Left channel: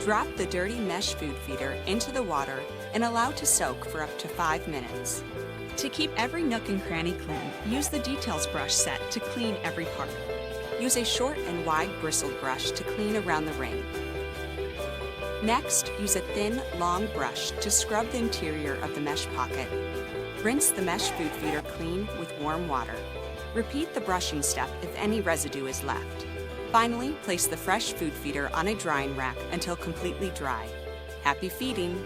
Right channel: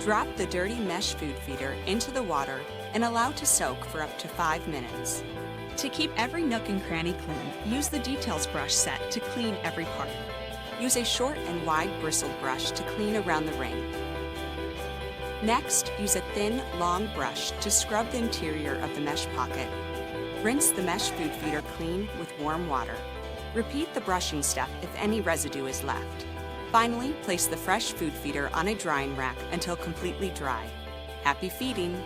Drop the dirty mesh food feeder into the water and allow to soak for up to 5 minutes. To keep every nook and cranny clean, use the details brush set to clean every part. Use a short and wide bristled brush to clean around the ring. Next, use a thin, long brush to scrub the interior of the mesh pocket. Rinse the mesh food feeder clean with warm water. Repeat the brushing step if any residue is left. Finally, place the fresh food feeder on a drying rack until completely dry. Happy feeding!